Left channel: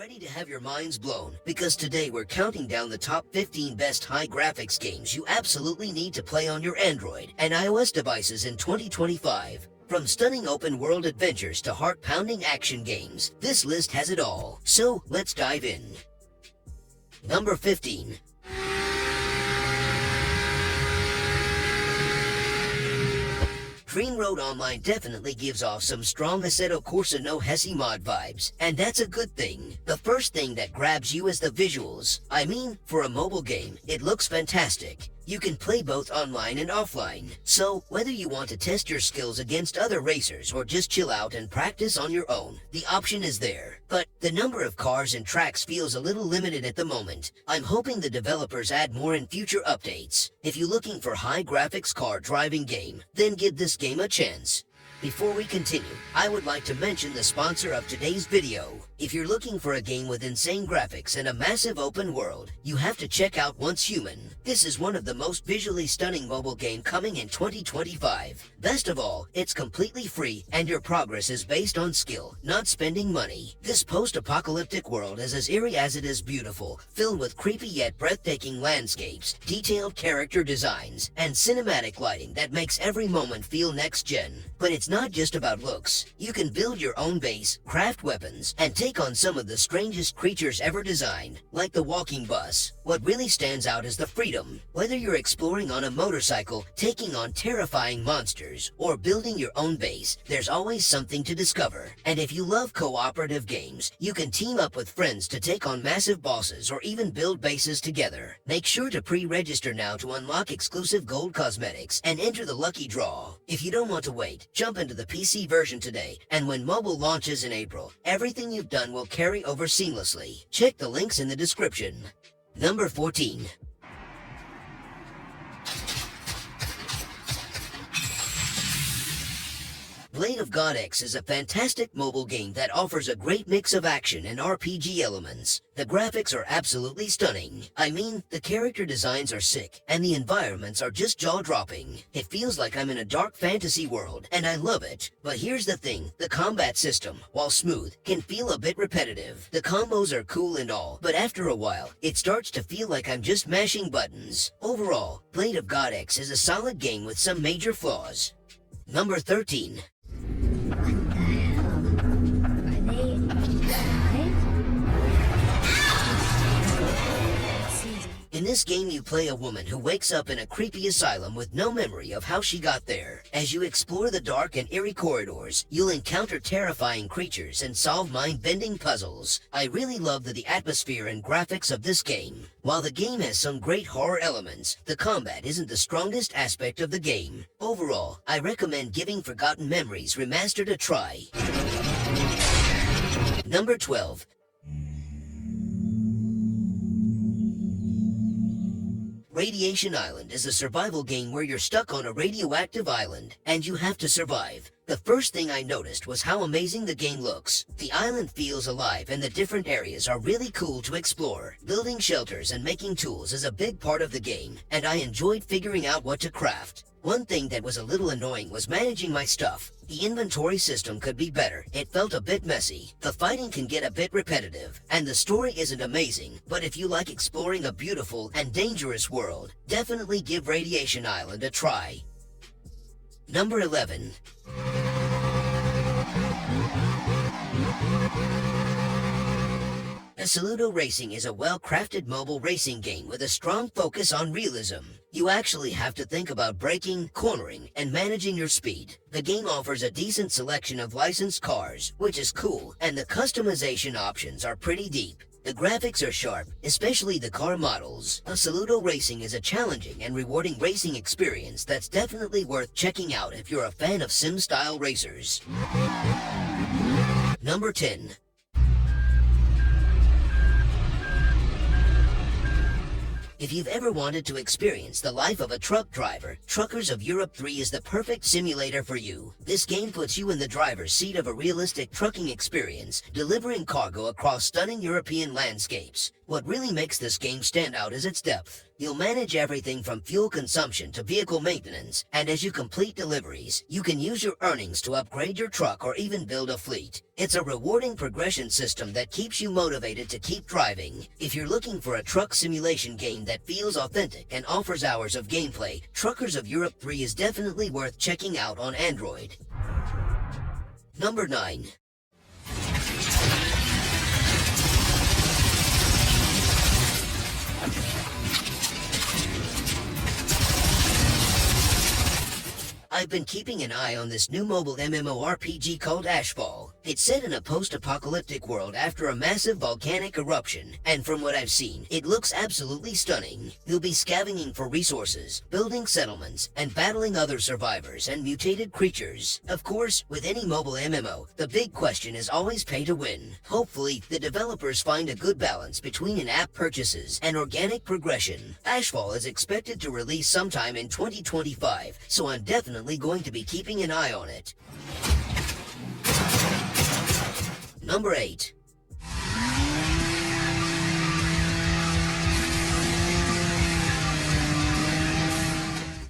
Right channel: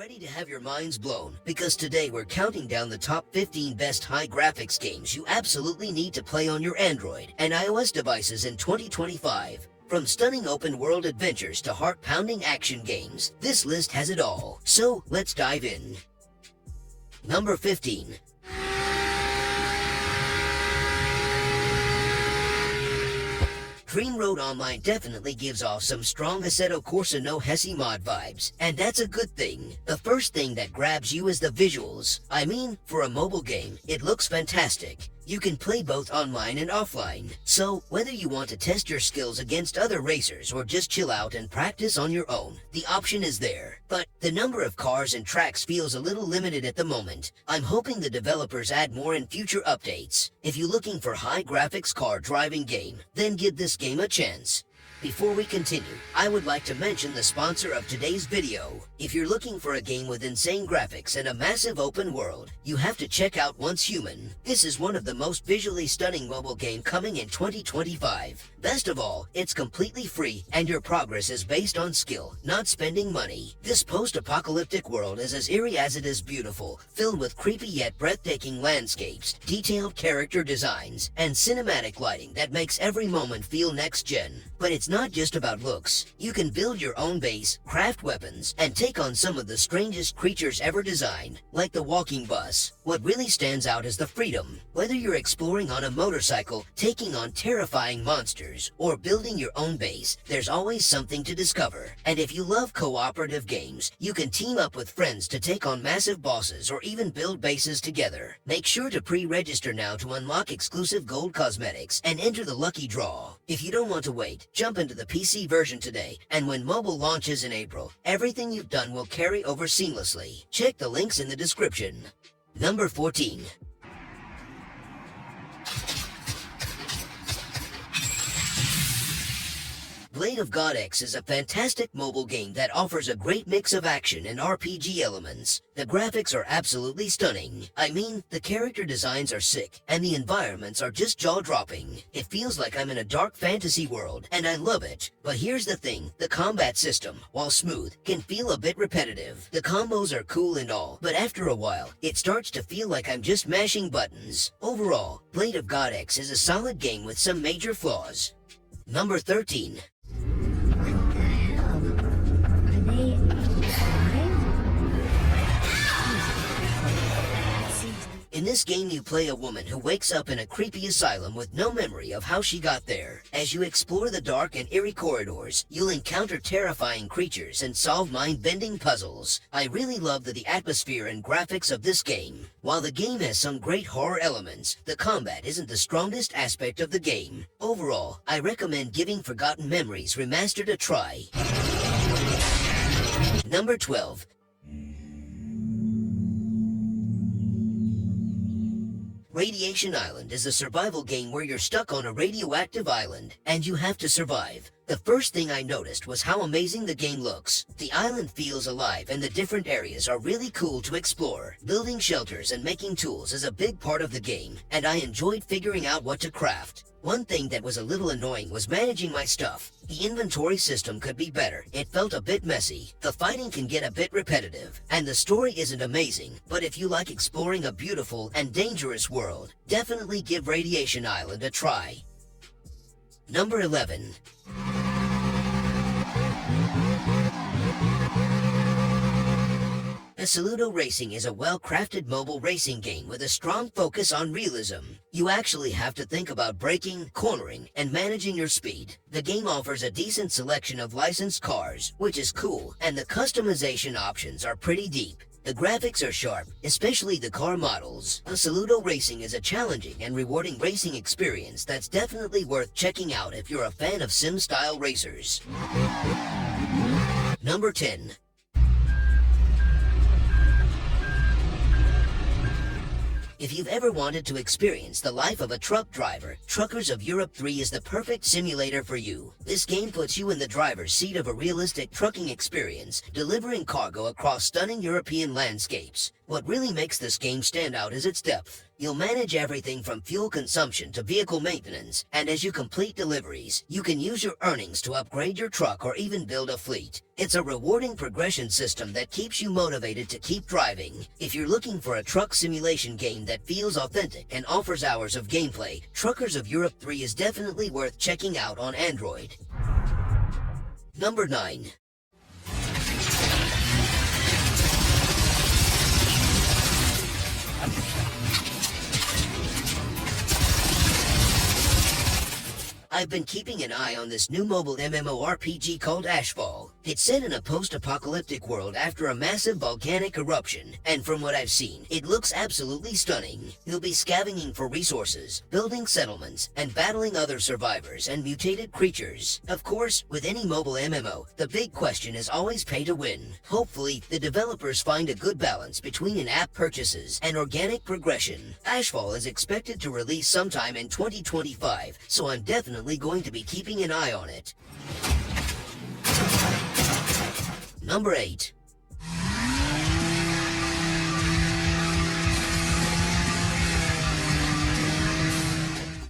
ready to have your minds blown, because today we're counting down the top 15 best high graphics games you absolutely need to play on your Android and iOS devices in 2025. From stunning open-world adventures to heart-pounding action games, this list has it all. So, let's dive in. Number 15. Kingsroad Online definitely gives off some strong Assetto Corsa no Hesi mod vibes, and that's a good thing. The first thing that grabs you is the visuals. I mean, for a mobile game, it looks fantastic. You can play both online and offline, so whether you want to test your skills against other racers or just chill out and practice on your own, the option is there. But the number of cars and tracks feels a little limited at the moment. I'm hoping the developers add more in future updates. If you're looking for high graphics car driving game, then give this game a chance. Before we continue, I would like to mention the sponsor of today's video. If you're looking for a game with insane graphics and a massive open world, you have to check out Once Human. This is one of the most visually stunning mobile games coming in 2025. Best of all, it's completely free and your progress is based on skill, not spending money. This post-apocalyptic world is as eerie as it is beautiful, filled with creepy yet breathtaking landscapes, detailed character designs, and cinematic lighting that makes every moment feel next-gen. But it's not just about looks. You can build your own base, craft weapons, and take on some of the strangest creatures ever designed, like the walking bus. What really stands out is the freedom. Whether you're exploring on a motorcycle, taking on terrifying monsters, or building your own base, there's always something to discover. And if you love cooperative games, you can team up with friends to take on massive bosses or even build bases together. Make sure to pre-register now to unlock exclusive gold cosmetics and enter the lucky draw. If you don't want to wait, jump into the PC version today, and when mobile launches in April, everything you've done will carry over seamlessly. Check the links in the description. Number 14. Blade of God X is a fantastic mobile game that offers a great mix of action and RPG elements. The graphics are absolutely stunning. I mean, the character designs are sick, and the environments are just jaw-dropping. It feels like I'm in a dark fantasy world, and I love it. But here's the thing, the combat system, while smooth, can feel a bit repetitive. The combos are cool and all, but after a while, it starts to feel like I'm just mashing buttons. Overall, Blade of God X is a solid game with some major flaws. Number 13. In this game, you play a woman who wakes up in a creepy asylum with no memory of how she got there. As you explore the dark and eerie corridors, you'll encounter terrifying creatures and solve mind-bending puzzles. I really love the atmosphere and graphics of this game. While the game has some great horror elements, the combat isn't the strongest aspect of the game. Overall, I recommend giving Forgotten Memories Remastered a try. Number 12. Radiation Island is a survival game where you're stuck on a radioactive island, and you have to survive. The first thing I noticed was how amazing the game looks. The island feels alive and the different areas are really cool to explore. Building shelters and making tools is a big part of the game, and I enjoyed figuring out what to craft. One thing that was a little annoying was managing my stuff. The inventory system could be better. It felt a bit messy. The fighting can get a bit repetitive, and the story isn't amazing. But if you like exploring a beautiful and dangerous world, definitely give Radiation Island a try. Number 11. Assoluto Racing is a well-crafted mobile racing game with a strong focus on realism. You actually have to think about braking, cornering, and managing your speed. The game offers a decent selection of licensed cars, which is cool, and the customization options are pretty deep. The graphics are sharp, especially the car models. Assoluto Racing is a challenging and rewarding racing experience that's definitely worth checking out if you're a fan of sim-style racers. Number 10. If you've ever wanted to experience the life of a truck driver, Truckers of Europe 3 is the perfect simulator for you. This game puts you in the driver's seat of a realistic trucking experience, delivering cargo across stunning European landscapes. What really makes this game stand out is its depth. You'll manage everything from fuel consumption to vehicle maintenance, and as you complete deliveries, you can use your earnings to upgrade your truck or even build a fleet. It's a rewarding progression system that keeps you motivated to keep driving. If you're looking for a truck simulation game that feels authentic and offers hours of gameplay, Truckers of Europe 3 is definitely worth checking out on Android. Number 9. I've been keeping an eye on this new mobile MMORPG called Ashfall. It's set in a post-apocalyptic world after a massive volcanic eruption, and from what I've seen, it looks absolutely stunning. You'll be scavenging for resources, building settlements, and battling other survivors and mutated creatures. Of course, with any mobile MMO, the big question is always pay to win. Hopefully, the developers find a good balance between in-app purchases and organic progression. Ashfall is expected to release sometime in 2025, so I'm definitely going to be keeping an eye on it. Number 8.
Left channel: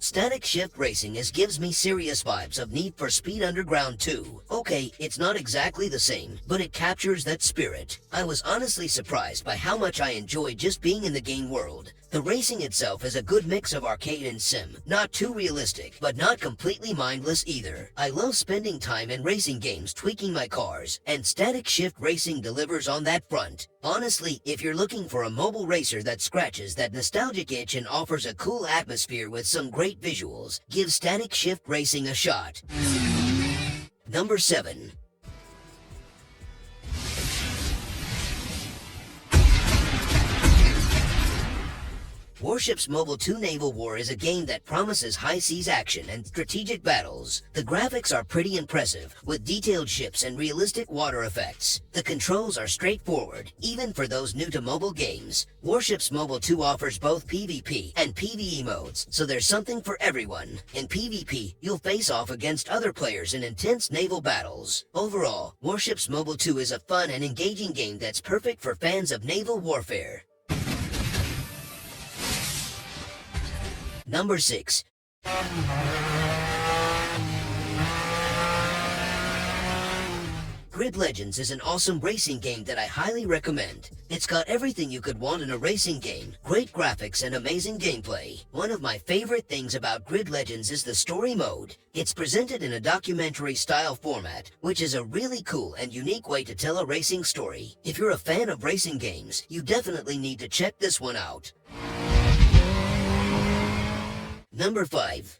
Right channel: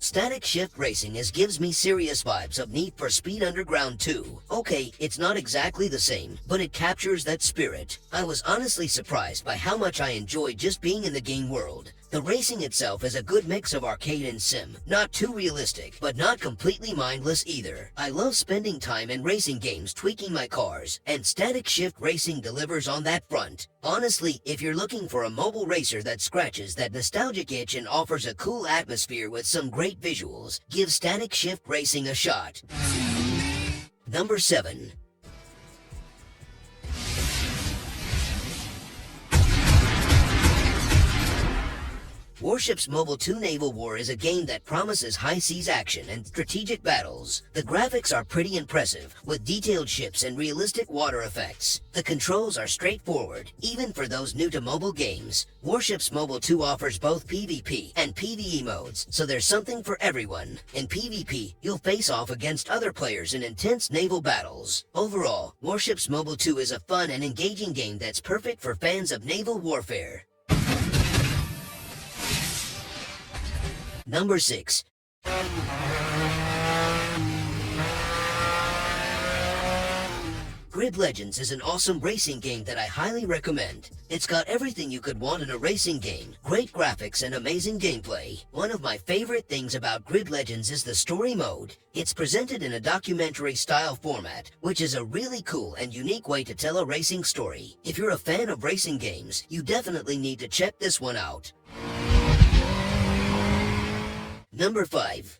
Static Shift Racing gives me serious vibes of Need for Speed Underground 2. Okay, it's not exactly the same, but it captures that spirit. I was honestly surprised by how much I enjoyed just being in the game world. The racing itself is a good mix of arcade and sim, not too realistic, but not completely mindless either. I love spending time in racing games tweaking my cars, and Static Shift Racing delivers on that front. Honestly, if you're looking for a mobile racer that scratches that nostalgic itch and offers a cool atmosphere with some great visuals, give Static Shift Racing a shot. Number 7. Warship's Mobile 2 Naval War is a game that promises high seas action and strategic battles. The graphics are pretty impressive, with detailed ships and realistic water effects. The controls are straightforward, even for those new to mobile games. Warship's Mobile 2 offers both PvP and PvE modes, so there's something for everyone. In PvP, you'll face off against other players in intense naval battles. Overall, Warship's Mobile 2 is a fun and engaging game that's perfect for fans of naval warfare. Number 6. Grid Legends is an awesome racing game that I highly recommend. It's got everything you could want in a racing game, great graphics and amazing gameplay. One of my favorite things about Grid Legends is the story mode. It's presented in a documentary-style format, which is a really cool and unique way to tell a racing story. If you're a fan of racing games, you definitely need to check this one out. Number 5.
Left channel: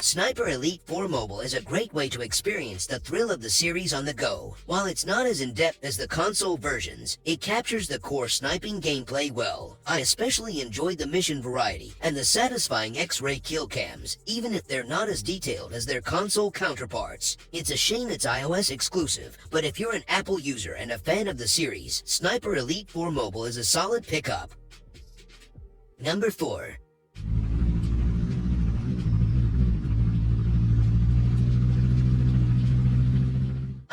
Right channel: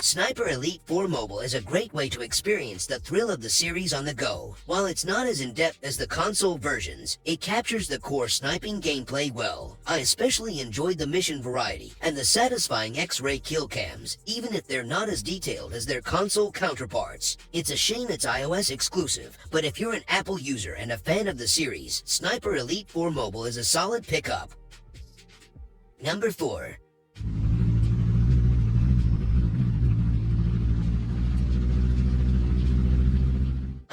Sniper Elite 4 Mobile is a great way to experience the thrill of the series on the go. While it's not as in-depth as the console versions, it captures the core sniping gameplay well. I especially enjoyed the mission variety and the satisfying X-ray kill cams, even if they're not as detailed as their console counterparts. It's a shame it's iOS exclusive, but if you're an Apple user and a fan of the series, Sniper Elite 4 Mobile is a solid pickup. Number 4.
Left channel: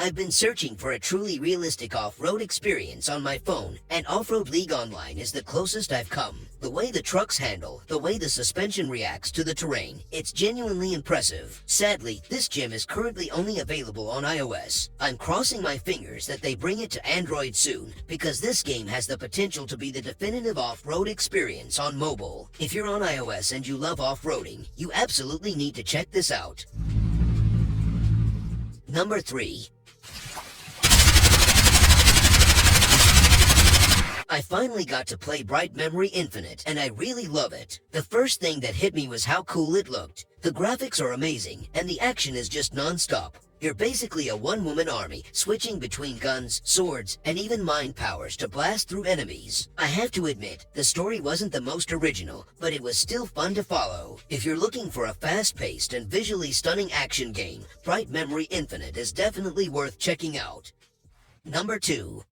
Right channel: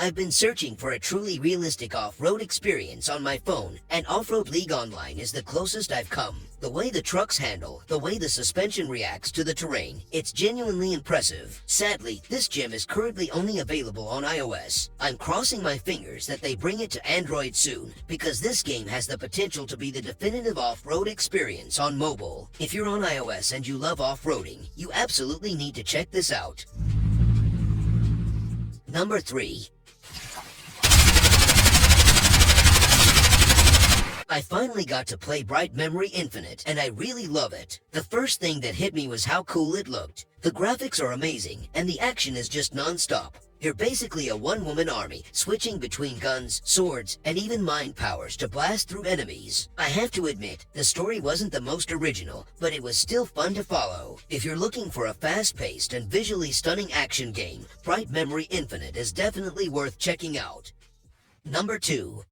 I've been searching for a truly realistic off-road experience on my phone, and Offroad League Online is the closest I've come. The way the trucks handle, the way the suspension reacts to the terrain, it's genuinely impressive. Sadly, this gem is currently only available on iOS. I'm crossing my fingers that they bring it to Android soon, because this game has the potential to be the definitive off-road experience on mobile. If you're on iOS and you love off-roading, you absolutely need to check this out. Number 3. I finally got to play Bright Memory Infinite, and I really love it. The first thing that hit me was how cool it looked. The graphics are amazing, and the action is just non-stop. You're basically a one-woman army, switching between guns, swords, and even mind powers to blast through enemies. I have to admit, the story wasn't the most original, but it was still fun to follow. If you're looking for a fast-paced and visually stunning action game, Bright Memory Infinite is definitely worth checking out. Number 2.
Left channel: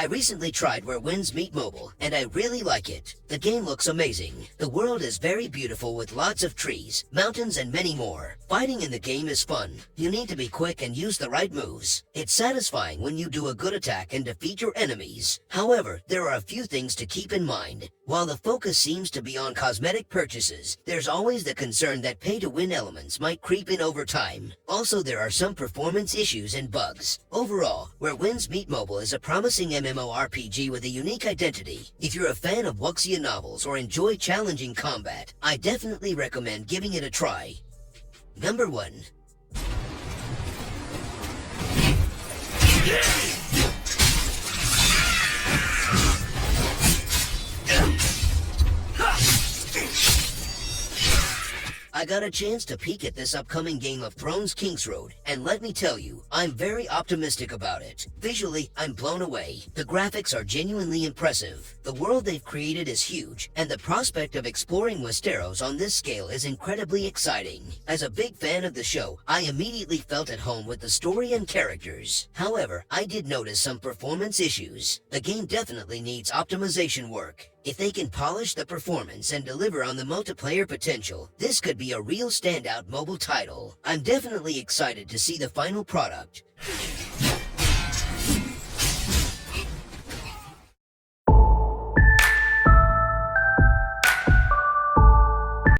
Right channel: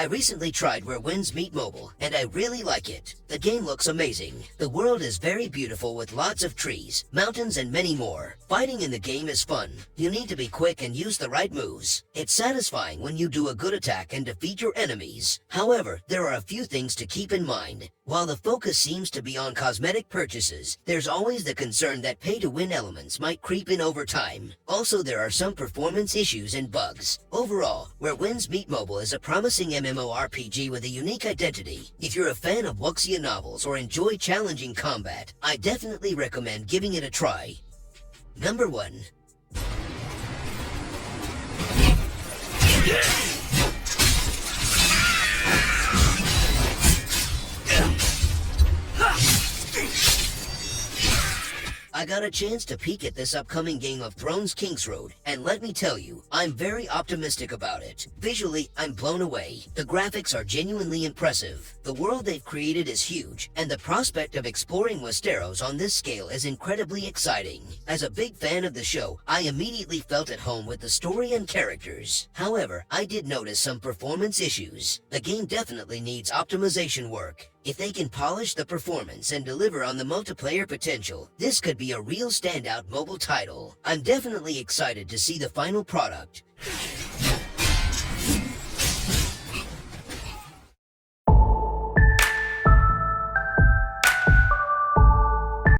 I recently tried Where Winds Meet Mobile, and I really like it. The game looks amazing. The world is very beautiful with lots of trees, mountains, and many more. Fighting in the game is fun. You need to be quick and use the right moves. It's satisfying when you do a good attack and defeat your enemies. However, there are a few things to keep in mind. While the focus seems to be on cosmetic purchases, there's always the concern that pay-to-win elements might creep in over time. Also, there are some performance issues and bugs. Overall, Where Winds Meet Mobile is a promising MMORPG with a unique identity. If you're a fan of Wuxia novels or enjoy challenging combat, I definitely recommend giving it a try. Number 1. I got a chance to peek at this upcoming Game of Thrones Kingsroad, and let me tell you, I'm very optimistic about it. Visually, I'm blown away. The graphics are genuinely impressive. The world they've created is huge, and the prospect of exploring Westeros on this scale is incredibly exciting. As a big fan of the show, I immediately felt at home with the story and characters. However, I did notice some performance issues. The game definitely needs optimization work. If they can polish the performance and deliver on the multiplayer potential, this could be a real standout mobile title. I'm definitely excited to see the final product.